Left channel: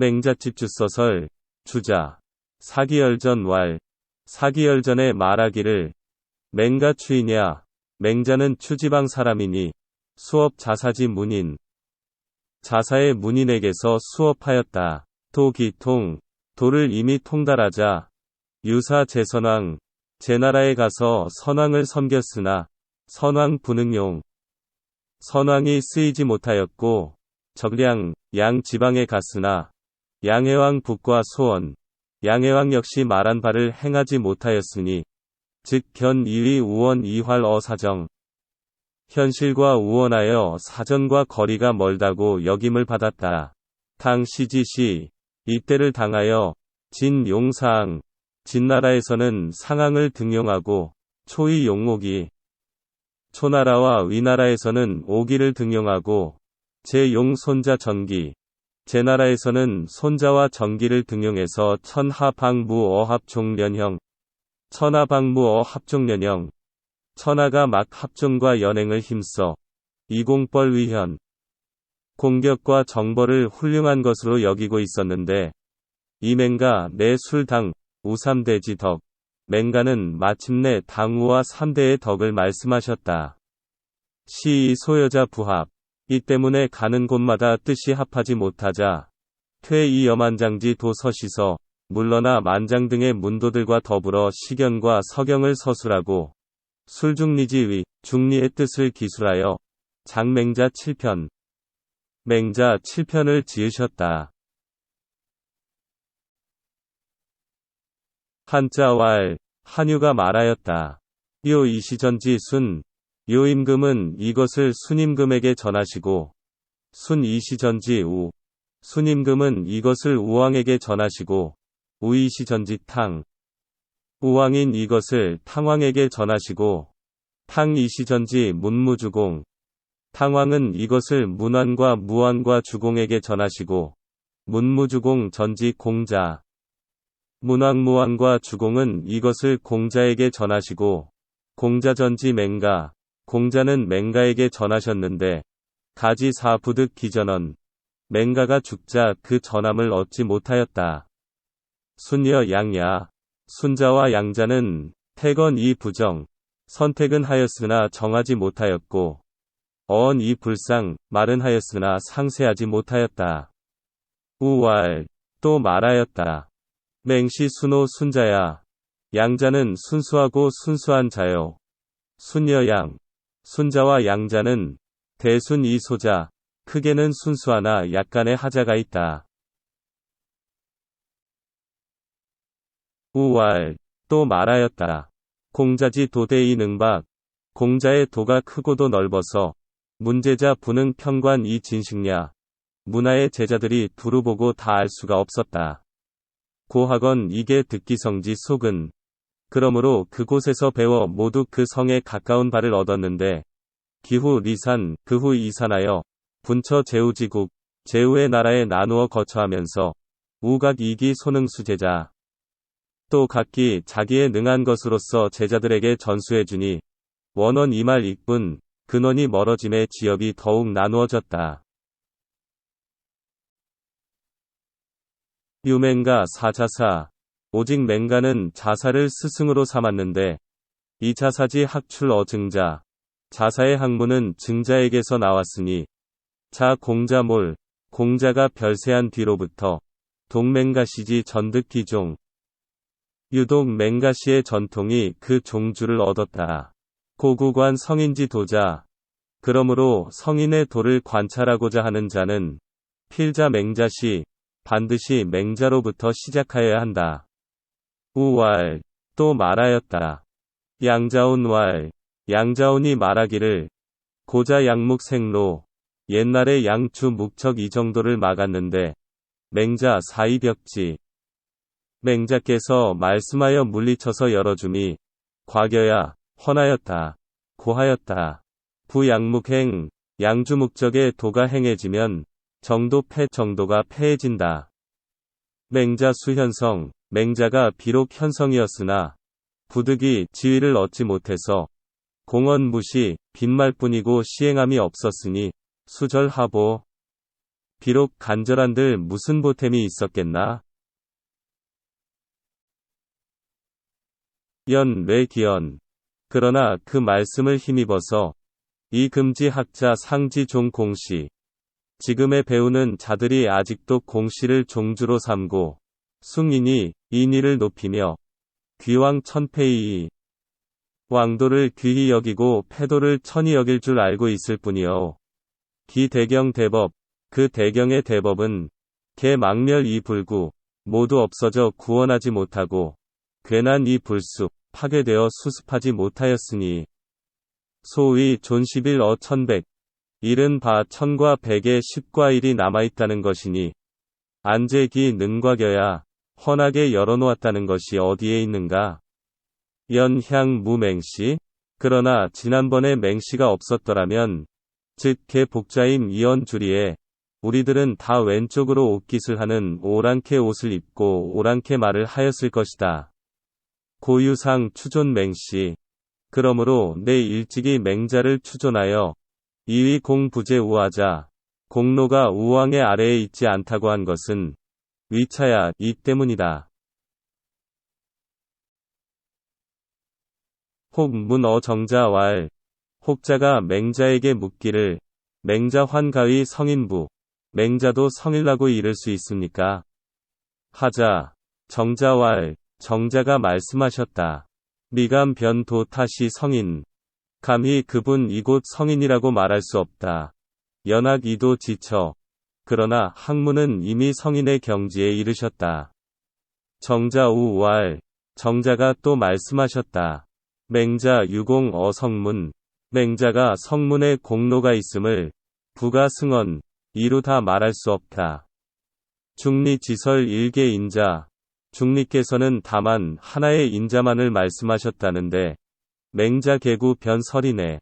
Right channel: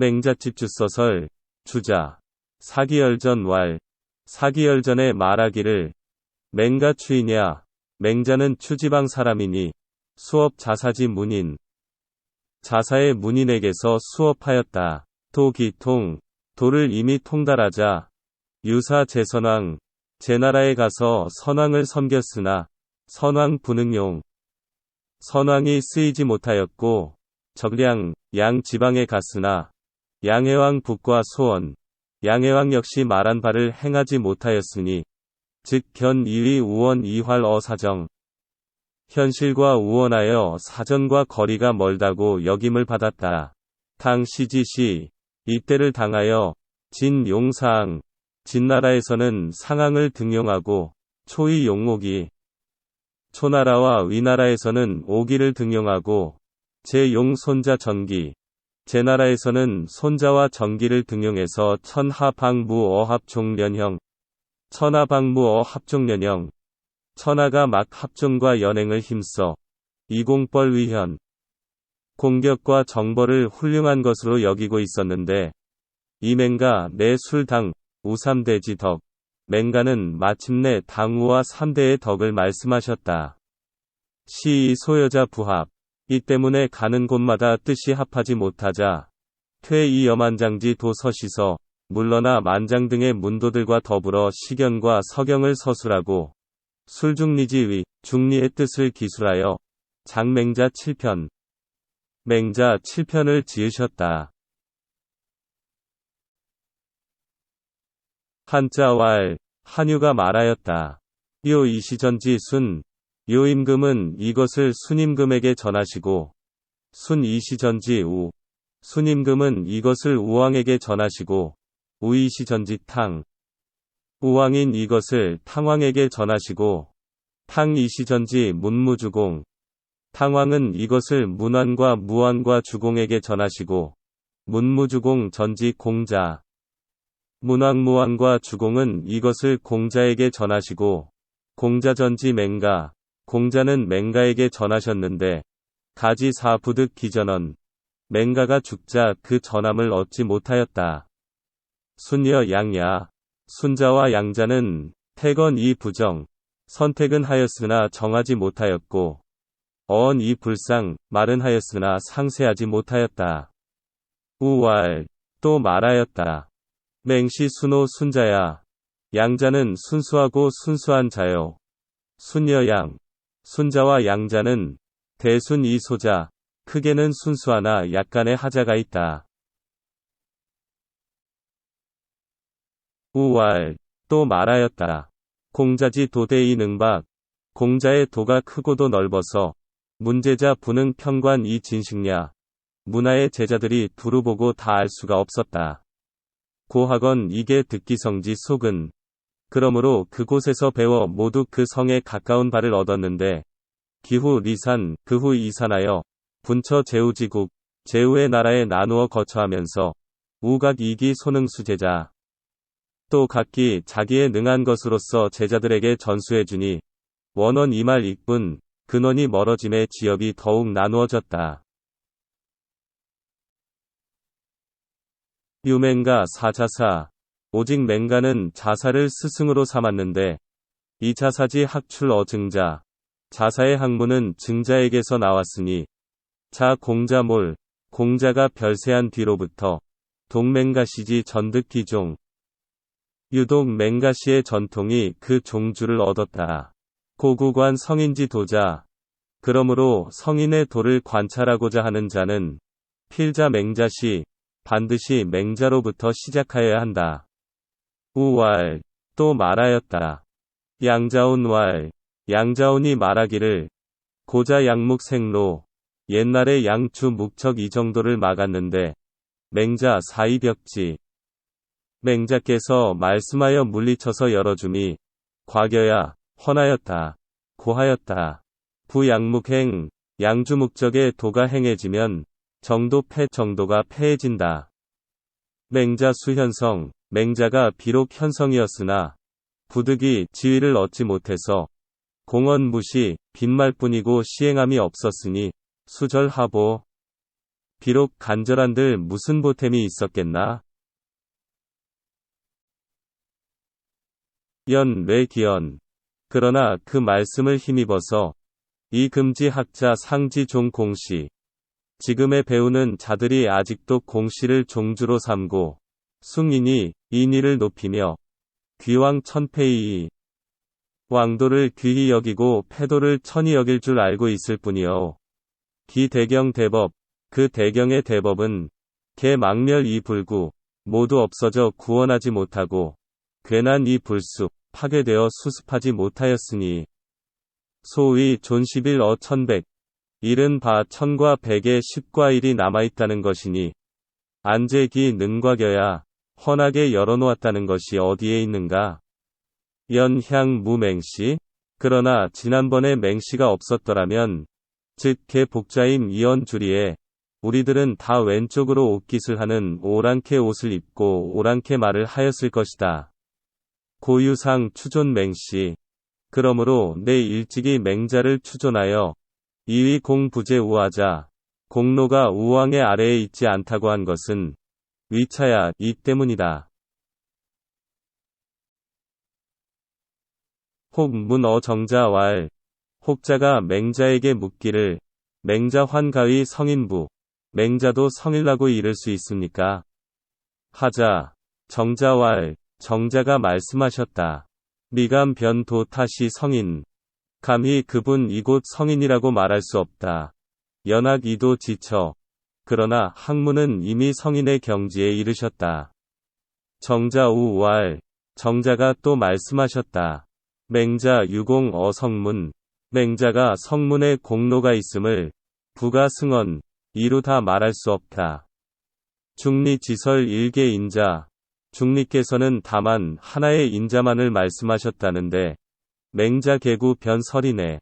맹자집주서설 주자 사기열전 사기열전에 말하기를 맹가 추이냐. 맹자는 추지방 사람이니 수업 자사지 문인. 자사의 문인에게서 수업하였다. 도기통. 도를 이미 통달하자 유사 제선왕. 제나라에 가서 선왕을 섬겼으나 선왕 분응용. 선왕이 쓰이지 못하였고 적량 양 지방에 갔으나 양해왕 북과 소원. 양해왕 역시 말한 바를 행하지 못하였으니 즉 견 이위 우원 이활 어사정. 현실과 우원하여 사전과 거리가 멀다고 역임을 받았다. 당시지시. 이때를 당하여 진용사항. 진나라에서는 상항을 등용하고 초이 용옥이. 초나라와 위나라에서는 오기를 등용하고 제용 손자 전기. 제나라에서는 손자와 전기를 등용해서 천하방무어합종련형. 천하방무어합종련형. 천하가 막 합종과 연행을 힘써 이공벌위현. 공격과 정벌을 훌륭한 것으로 여기고 있었는데 이맹가 내 술당 우삼대지 덕. 맹가는 마침내 당우와 삼대의 덕을 말씀하셨다. 시이 소여자 부합. 이 때문에 가는 곳마다 뜻이 합하지 못하자 퇴이 여만장지 도서시서 물러나 만장 등의 문도들과 더불어 시견과 서경을 서술하고 술중리지위 중리의 뜻을 기술하여 장맹자 7편. 맹자 7편을 지으셨다. 한자왈. 한유가 말하였다. 요 이시전지 순. 요 임금은 이것을 순임금에게 전하시고 순 이시전지 우. 순임금은 이것을 우왕에게 전하시고 우이시전지 탕. 우왕인 이것을 탕왕에게 전하시고 탕이시전지 문무주공. 탕왕은 이것을 문왕과 무왕과 주공에게 전하시고 문무주공 전지 공자. 문왕무왕과 주공은 이것을 공자에게 전하시고 공자전지 맹가. 공자는 맹가에게 전하셨는데 가지 사부득 기전언. 맹가가 죽자 그 전함을 얻지 못하였다. 순여 양야. 순자와 양자는 태건 이 부정. 선택은 하였으나 정하지 못하였고 어언 이 불상. 말은 하였으나 상세하지 못하였다. 우왈. 또 말하였다. 맹시 순호 순자야. 양자는 순수하고 순수한 자요. 순여양. 순자와 양자는 대순 이 소자. 크게는 순수하나 약간의 하자가 있다. 우왈. 또 말하였다. 공자지 도대이 능박. 공자의 도가 크고도 넓어서 문제자 분응 평관 이 진식냐. 문화의 제자들이 두루 보고 다 알 수가 없었다. 고학원 이게 듣기성지 속은. 그러므로 그곳에서 배워 모두 그 성에 가까운 바를 얻었는데 기후 리산 그후 이산하여 분처 제우지국 제우의 나라에 나누어 거처하면서 우각 이기 소능수 제자. 또 각기 자기의 능한 것으로서 제자들에게 전수해주니 원원 이말 익분 근원이 멀어짐에 지역이 더욱 나누어졌다. 유맹가 사자사. 오직 맹가는 자사를 스승으로 삼았는데 이 자사지 학출 어증자. 자사의 학문은 증자에게서 나왔으니 자 공자몰. 공자가 별세한 뒤로부터 동맹가시지 전득기종. 유독 맹가시의 전통이 그 종주를 얻었다. 고구관 성인지 도자. 그러므로 성인의 도를 관찰하고자 하는 자는 필자 맹자시 반드시 맹자로부터 시작하여야 한다. 우왈. 또 말하였다. 양자온왈. 양자온이 말하기를 고자 양묵생로. 옛날에 양추 묵척 이 정도를 막았는데 맹자 사이벽지. 맹자께서 말씀하여 물리쳐서 열어줌이 과거야 헌하였다. 고하였다. 부양묵행. 양주 묵적의 도가 행해지면 정도 정도가 패해진다. 맹자 수현성. 맹자가 비록 현성이었으나 부득이 지위를 얻지 못해서 공언 무시 빈말뿐이고 시행함이 없었으니 수절하보. 비록 간절한들 무슨 보탬이 있었겠나? 연례기연. 그러나 그 말씀을 힘입어서 이 금지 학자 상지 종 공시. 지금의 배우는 자들이 아직도 공시를 종주로 삼고 숭인이 인의를 높이며 귀왕 천패이 왕도를 귀히 여기고 패도를 천히 여길 줄 알고 있을 뿐이요. 기 대경 대법, 그 대경의 대법은 개 망멸 이 불구 모두 없어져 구원하지 못하고 괜한 이 불수 파괴되어 수습하지 못하였으니 소위 존11 천백 일은 바 천과 백의 10과 1이 남아있다는 것이니 안제기 능과겨야 헌하게 열어놓았다는 것이 어디에 있는가? 연향 무맹시. 그러나 지난번에 맹시가 없었더라면 즉 개 복자임 이언주리에 우리들은 다 왼쪽으로 옷깃을 하는 오랑캐 옷을 입고 오랑캐 말을 하였을 것이다. 고유상 추존 맹시. 그러므로 내 일찍이 맹자를 추존하여 이위 공부제 우하자 공로가 우왕의 아래에 있지 않다고 한 것은 위차야 이 때문이다. 혹 문어 정자왈. 혹자가 맹자에게 묻기를 맹자 환가의 성인부 맹자도 성일라고 이를 수 있습니까? 하자 정자왈. 정자가 말씀하셨다. 미감 변도 타시 성인. 감히 그분 이곳 성인이라고 말할 수 없다. 연학 이도 지쳐. 그러나 학문은 이미 성인의 경지에 이르셨다. 정자우왈. 정자가 또 말씀하셨다. 맹자 유공 어성문. 맹자가 성문에 공로가 있음을 부가 승언 이루 다 말할 수 없다. 중리지설 일개 인자. 중리께서는 다만 하나의 인자만을 말씀하셨다는데 맹자 개구 변설이네.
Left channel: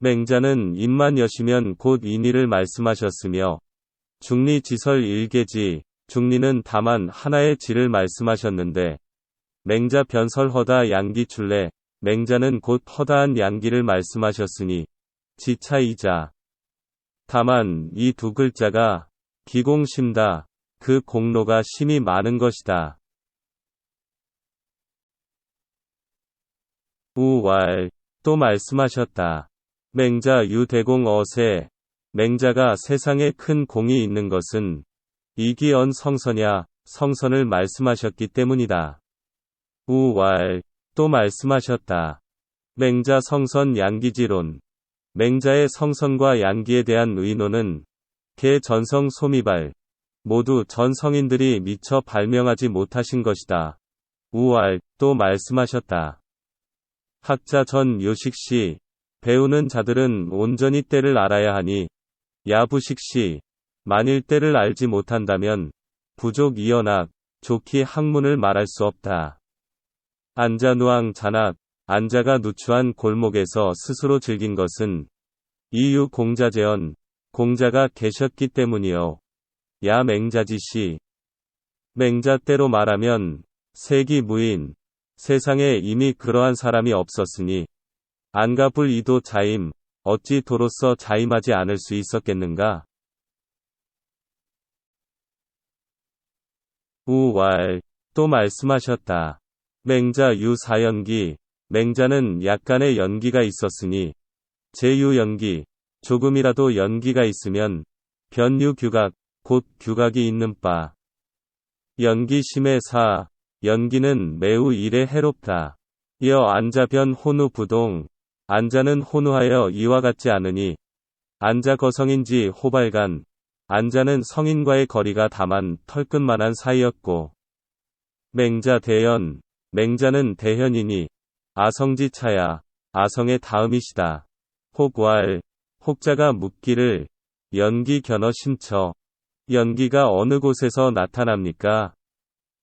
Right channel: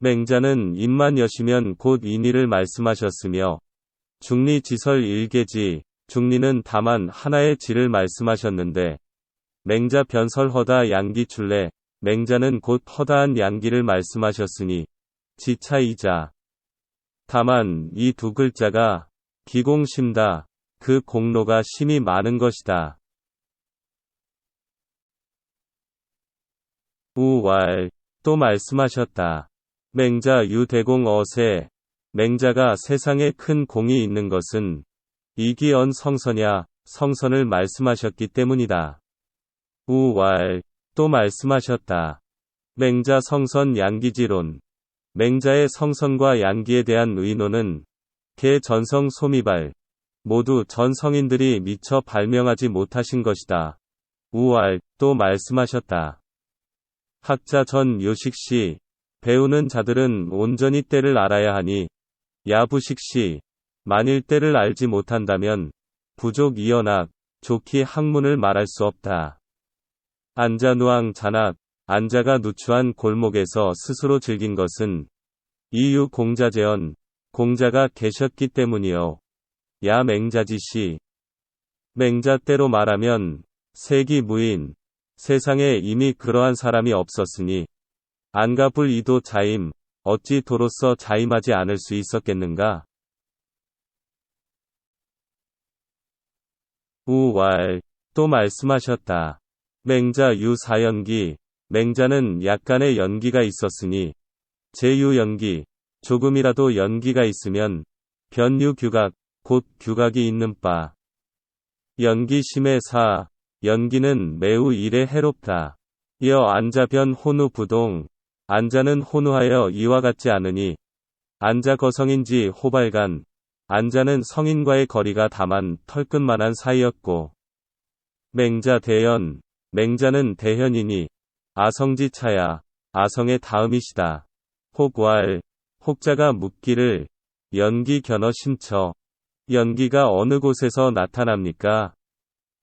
맹자는 입만 여시면 곧 인의를 말씀하셨으며 중리지설 일개지 중리는 다만 하나의 지를 말씀하셨는데 맹자 변설허다 양기출래 맹자는 곧 허다한 양기를 말씀하셨으니 지차이자. 다만 이 두 글자가 기공심다. 그 공로가 심히 많은 것이다. 우왈. 또 말씀하셨다. 맹자 유대공 어세. 맹자가 세상에 큰 공이 있는 것은 이기언 성선야 성선을 말씀하셨기 때문이다. 우왈. 또 말씀하셨다. 맹자 성선 양기지론. 맹자의 성선과 양기에 대한 의논은 개 전성 소미발 모두 전 성인들이 미처 발명하지 못하신 것이다. 우왈. 또 말씀하셨다. 학자 전 요식시. 배우는 자들은 온전히 때를 알아야 하니 야부식시. 만일 때를 알지 못한다면 부족 이연학 좋기 학문을 말할 수 없다. 안자누앙 잔악. 안자가 누추한 골목에서 스스로 즐긴 것은 이유 공자제언. 공자가 계셨기 때문이요. 야 맹자지시. 맹자 때로 말하면 세기 무인. 세상에 이미 그러한 사람이 없었으니 안가불 이도 자임. 어찌 도로써 자임하지 않을 수 있었겠는가? 우왈. 또 말씀하셨다. 맹자 유사연기. 맹자는 약간의 연기가 있었으니 제유연기. 조금이라도 연기가 있으면 변유규각 곧 규각이 있는 바. 연기심의 사. 연기는 매우 일에 해롭다. 이어 안자변 혼우 부동. 안자는 혼우하여 이와 같지 않으니 안자 거성인지 호발간. 안자는 성인과의 거리가 다만 털끝만한 사이였고 맹자 대현. 맹자는 대현이니 아성지차야. 아성의 다음이시다. 혹왈. 혹자가 묻기를 연기 견어 심처. 연기가 어느 곳에서 나타납니까?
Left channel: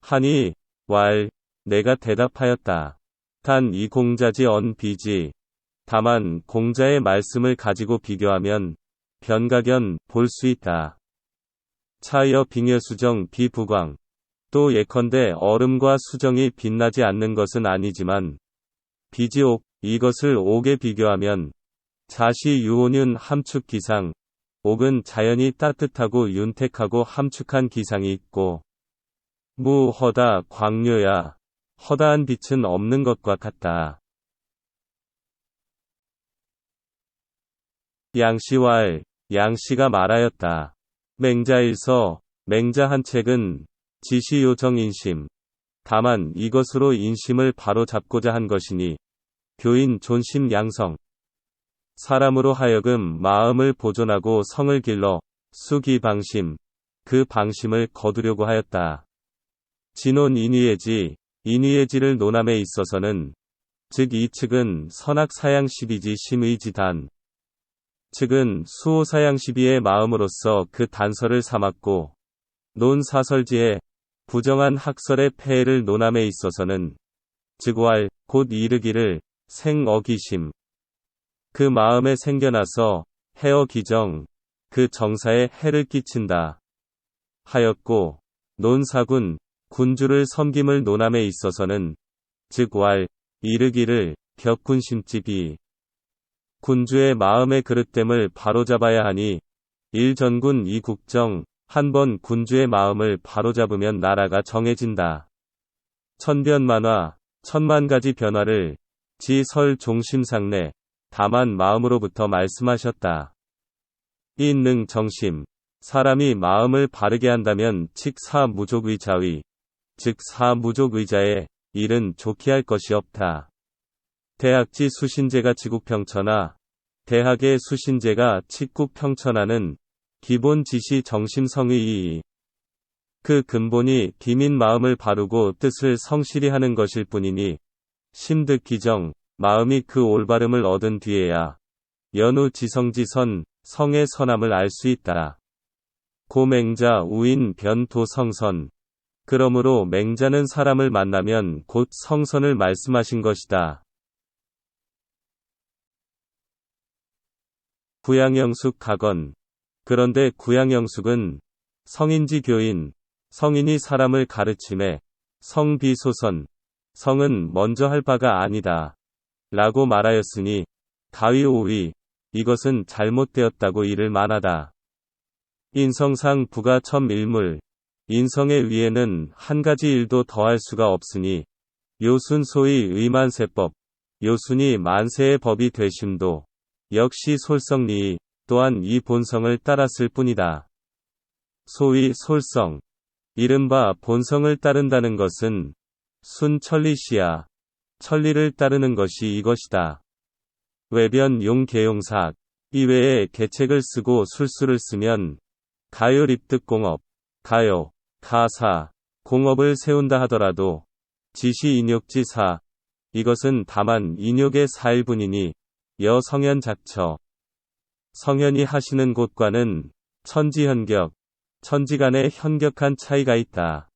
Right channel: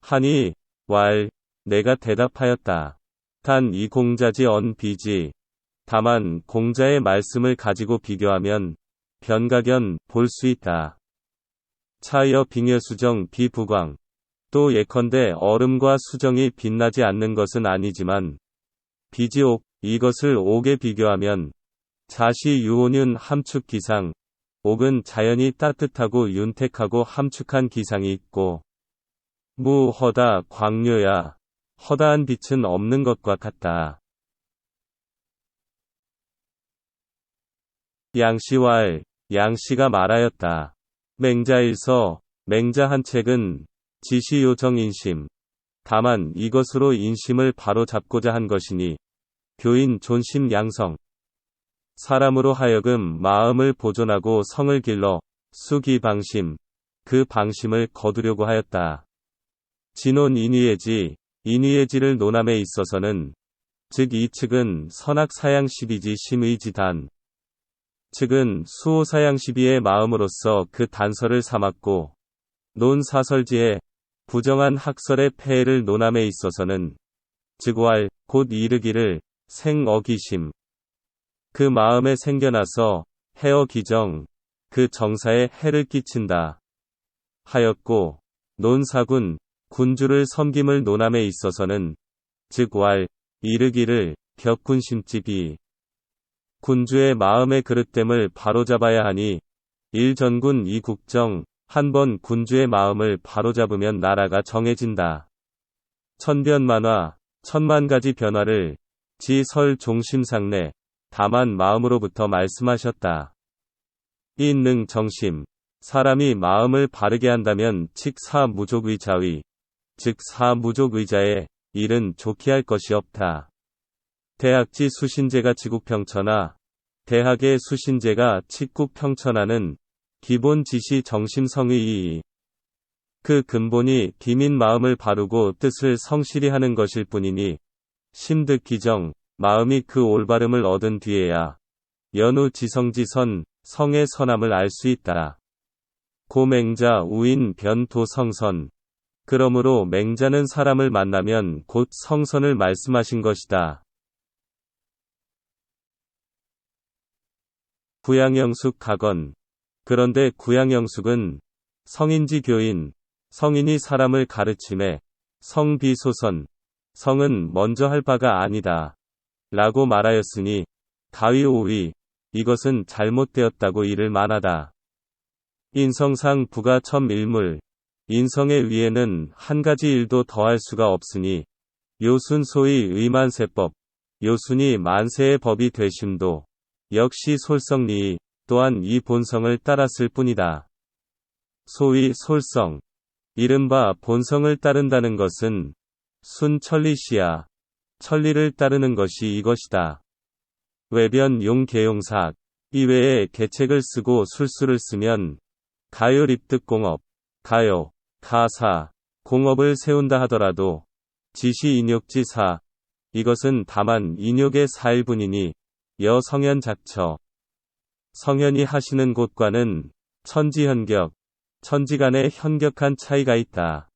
하니 왈. 내가 대답하였다. 단 이 공자지 언 비지. 다만 공자의 말씀을 가지고 비교하면 변가견 볼 수 있다. 차여 빙여수정 비부광. 또 예컨대 얼음과 수정이 빛나지 않는 것은 아니지만 비지옥 이것을 옥에 비교하면 자시 유온윤 함축기상 옥은 자연히 따뜻하고 윤택하고 함축한 기상이 있고 무허다 광료야. 허다한 빛은 없는 것과 같다. 양씨왈 양씨가 말하였다. 맹자일서 맹자 한 책은 지시요정인심. 다만 이것으로 인심을 바로잡고자 한 것이니 교인 존심 양성. 사람으로 하여금 마음을 보존하고 성을 길러 수기방심. 그 방심을 거두려고 하였다. 진논 인위예지. 인위예지를 논함에 있어서는 즉 이 측은 선악사양시비지 심의지단. 측은 수호사양시비의 마음으로서 그 단서를 삼았고 논사설지에 부정한 학설의 폐해를 논함에 있어서는 즉왈 곧 이르기를 생어기심. 그 마음에 생겨나서 해어 기정. 그 정사에 해를 끼친다. 하였고 논사군 군주를 섬김을 논함에 있어서는 즉왈 이르기를 격군심집이. 군주의 마음의 그릇됨을 바로잡아야 하니 일전군 이국정. 한번 군주의 마음을 바로잡으면 나라가 정해진다. 천변만화 천만가지 변화를 지설 종심상내 다만 마음으로부터 말씀하셨다. 인능 정심. 사람이 마음을 바르게 한다면 칙사무족의자의 즉 사무족의자의 일은 좋게 할 것이 없다. 대학지 수신제가 지국평천하 대학의 수신제가 칙국평천하는 기본 지시 정심성의이이. 그 근본이 기민 마음을 바르고 뜻을 성실히 하는 것일 뿐이니 심득기정 마음이 그 올바름을 얻은 뒤에야 연우 지성지선 성의 선함을 알 수 있다. 고맹자 우인 변토성선. 그러므로 맹자는 사람을 만나면 곧 성선을 말씀하신 것이다. 구양영숙 가건. 그런데 구양영숙은 성인지 교인, 성인이 사람을 가르침에 성비소선, 성은 먼저 할 바가 아니다. 라고 말하였으니 가위오위 이것은 잘못되었다고 이를 만하다. 인성상 부가 첨일물. 인성의 위에는 한 가지 일도 더할 수가 없으니 요순 소위 의만세법. 요순이 만세의 법이 되심도 역시 솔성리이 또한 이 본성을 따랐을 뿐이다. 소위 솔성. 이른바 본성을 따른다는 것은 순천리시야. 천리를 따르는 것이 이것이다. 외변 용계용삭. 이외에 계책을 쓰고 술수를 쓰면 가요립득공업, 가요, 가사, 공업을 세운다 하더라도 지시인욕지사. 이것은 다만 인욕의 사일뿐이니 여성현작처. 성현이 하시는 곳과는 천지현격, 천지간의 현격한 차이가 있다.